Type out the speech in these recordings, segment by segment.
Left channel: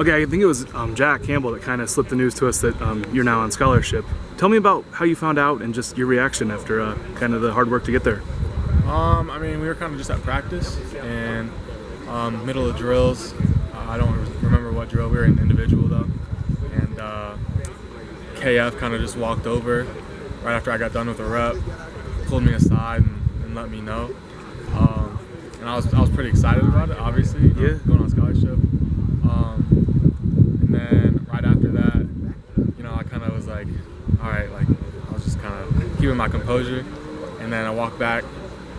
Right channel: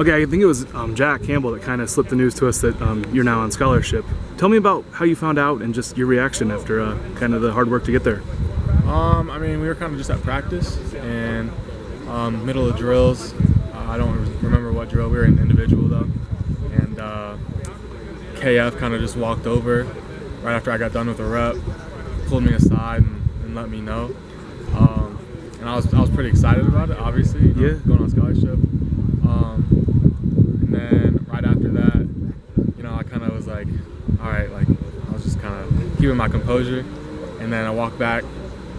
Okay, I think it was Jack Campbell that kind of slipped the news to us that you're now on scholarship. Tell me about how you found out and just your reaction after kind of the hard work to get there. I mean, we were kind of just at practice and middle of drills. I don't remember what drill. We were in individual though, and KF kind of just walked over right after I got done with a rep, pulled me aside and let me know. And I was pretty excited about it, obviously. Going on scholarship. And then right after that, I kind of was like, all right, like I was just kind of keeping my composure. And then I walked back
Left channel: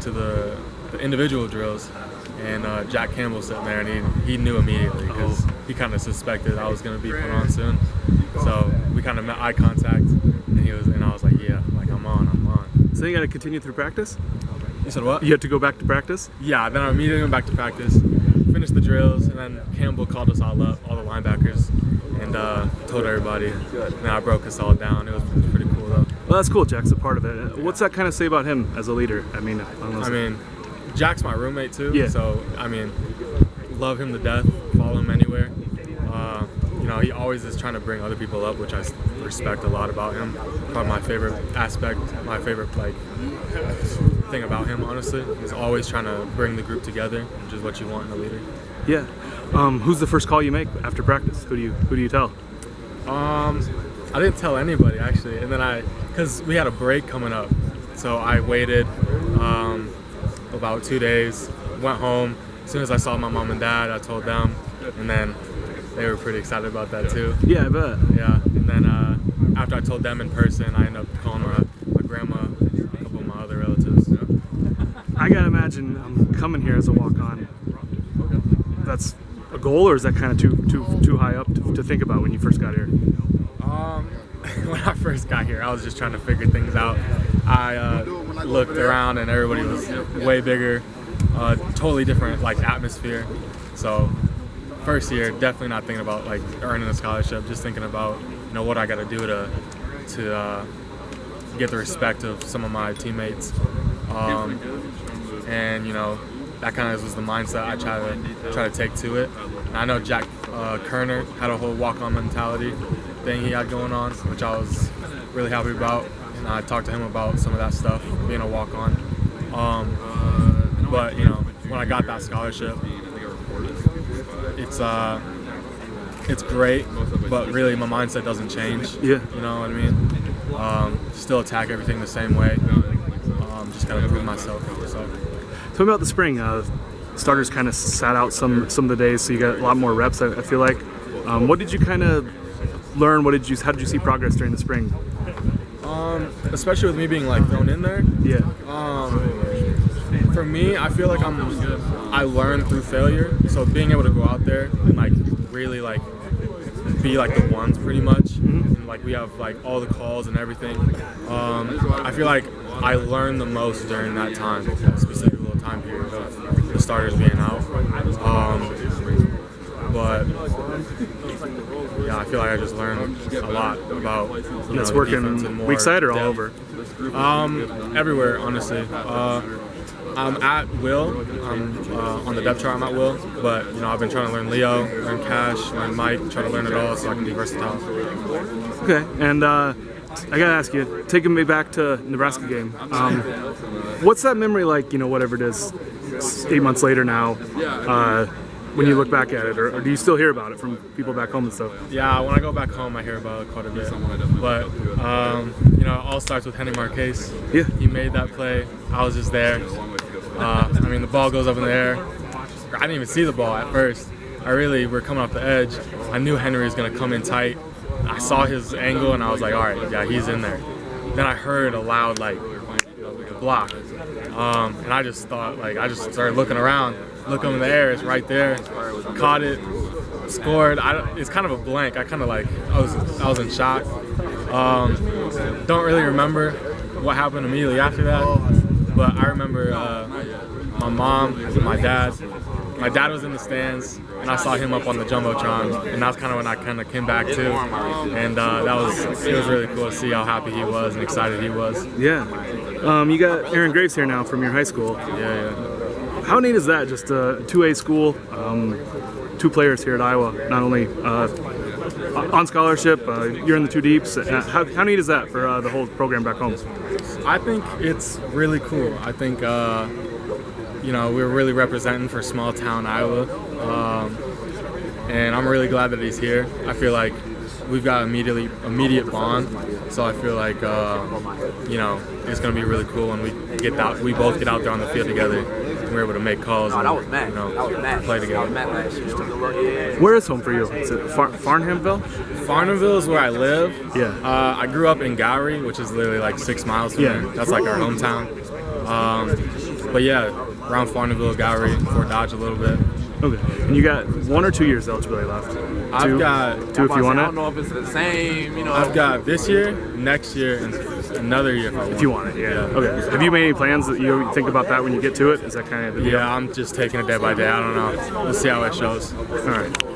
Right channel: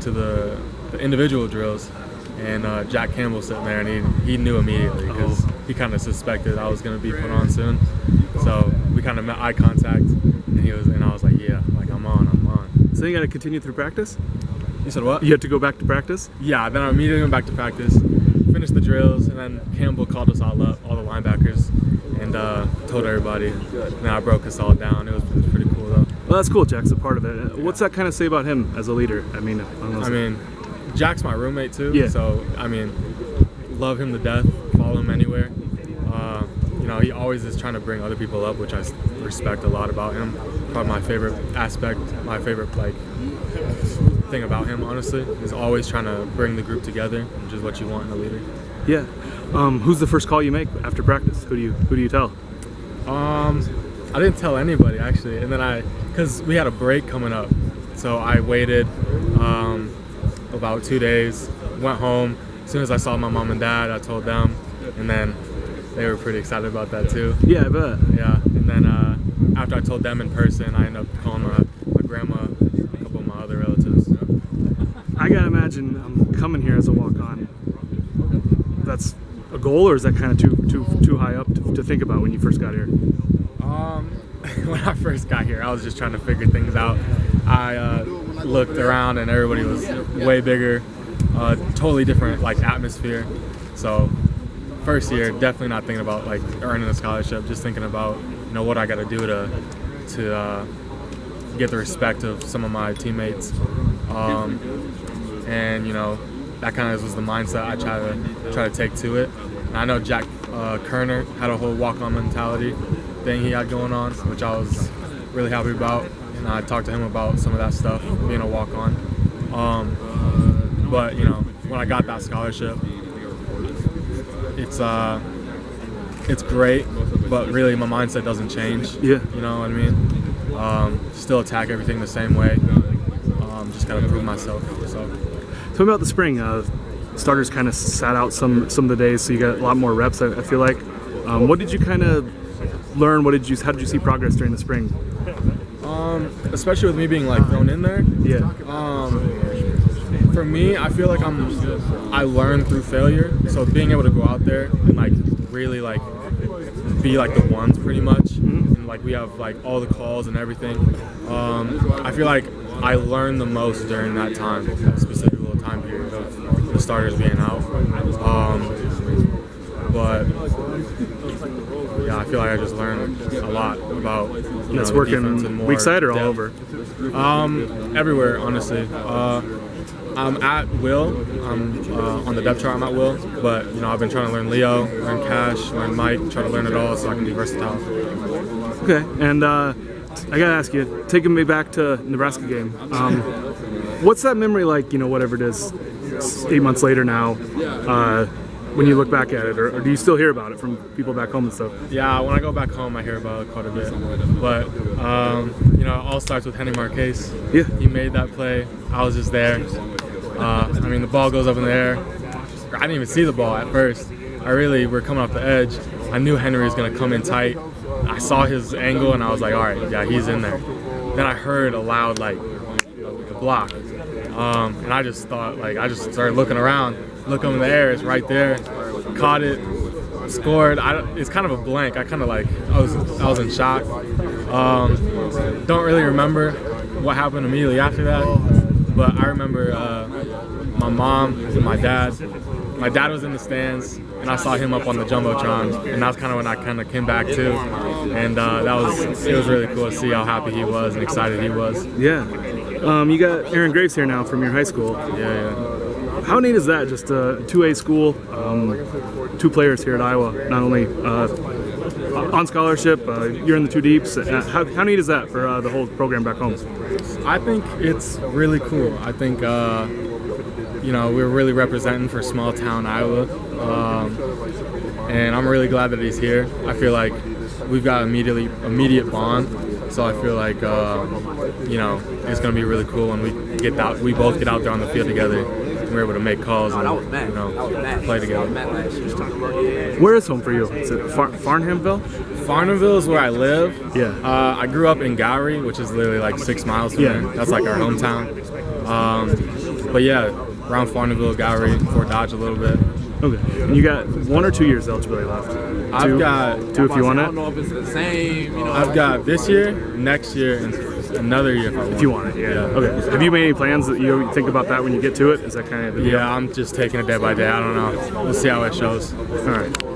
to the individual drills, and Jack Campbell sitting there, and he knew immediately because he kind of suspected I was going to be put on soon. So we kind of met eye contact, and I was like, yeah, like I'm on. So you got to continue through practice? You said what? You had to go back to practice? Yeah, then I immediately went back to practice, finished the drills, and then Campbell called us all up, all the linebackers, and told everybody. And I broke us all down. It was pretty cool though. Well, that's cool. Jack's a part of it. What's that kind of say about him as a leader? I mean, Jack's my roommate too. Yeah. So love him to death. Follow him anywhere. He always is trying to bring other people up, which I respect a lot about him. Probably my favorite aspect, my favorite thing about him, honestly, is always trying to bring the group together, which is what you want in a leader. Yeah. Who's the first call you make after practice? Who do you tell? I didn't tell anybody actually, and then because we had a break coming up, so I waited about 2 days, went home. As soon as I saw my mom and dad, I told them, and then they were pretty excited about that too. Yeah, I bet. Yeah, and then after I told them in person, I ended up calling my grandma, a couple of my other relatives. I gotta imagine coming here as a walk-on, that's a goal, or is that kind of too high up to think about when you first got here? When I first got here, I was just trying to figure things out. I looked around and everybody was way bigger, totally different atmosphere. So first year, definitely not thinking about earning a scholarship, just thinking about what I got to do to get the respect of some of my teammates. And that kind of was the mindset I try to take to it. And I know Jack Kerner had a whole walk-on mentality thing he had going on, which I was really happy about. And I talked to him about some of that stuff, being a walk-on. But when I got that scholarship, it's great, but really my mindset doesn't change. Yeah. You know what I mean? Still attack everything the same way. Just gotta prove myself. So. Tell me about the spring. Starters kind of sat out some of the days, so you got a lot more reps. I feel like. What did you kind of learn? How did you see progress during the spring? Especially with me being thrown in there. Yeah. For me, I feel like I learned through failure. So being able to go out there and really be the ones pretty much, and we have all the calls and everything. I feel like I learned the most during that time, that specific little time period of the starters being out. But yeah, I feel like I just learned a lot about that's working weak side or all over? Everywhere, honestly. I'm at will. I'm on the depth chart. I'm at will, but I've been trying to learn Leo, learn Cash, learn Mike, try to learn it all so I can be versatile. Okay, and I gotta ask you, taking me back to Nebraska game. What's that memory like? Whatever it is, 8 months later now. When you look back at it, or do you still hear about it from people back home and stuff? Yeah, when I go back home, I hear about it quite a bit. But it all starts with Henry Marquez. Yeah, he made that play. I was just there. The ball goes up in the air. I didn't even see the ball at first. We're coming off the edge. I knew Henry was gonna come in tight. I saw his angle and I was like, all right, yeah, he's in there. Then I heard a loud block, and I just thought I just started looking around. Look up in the air, it's right there. Caught it, scored. It's kind of a blank. I was in shock. Don't really remember what happened immediately after that, but I remember my mom and my dad. My dad was in the stands, and I saw him up on the jumbotron, and that's kind of when I kind of came back too. And it was really cool to see how happy he was and excited he was. Yeah. You got Aaron Graves here now from your high school. Yeah. How neat is that? Just a 2A school, two players here at Iowa, not only on scholarship, you're in the two deeps. How neat is that for the whole program back home? I think it's really cool. I think we're really representing for small town Iowa, and I'm really glad that he's here. I feel like we've got immediate bond, so I feel like it's going to be really cool when we both get out there on the field together. We're able to make calls and play together. Where is home for you? Is it Farnhamville? Farnhamville is where I live. Yeah. I grew up in Gowrie, which is literally like 6 miles from there. That's like our hometown. But yeah, around Farnhamville, Gowrie, Fort Dodge a little bit. Okay. And you got 1 or 2 years eligibility left? I've got two if you want it. I don't know if it's the same. I've got this year, next year, and another year if I want. If you want it, yeah. Okay. Have you made any plans that you think about that when you get to it? Is that kind of the deal? Yeah, I'm just taking it day by day. I don't know. We'll see how it shows. All right.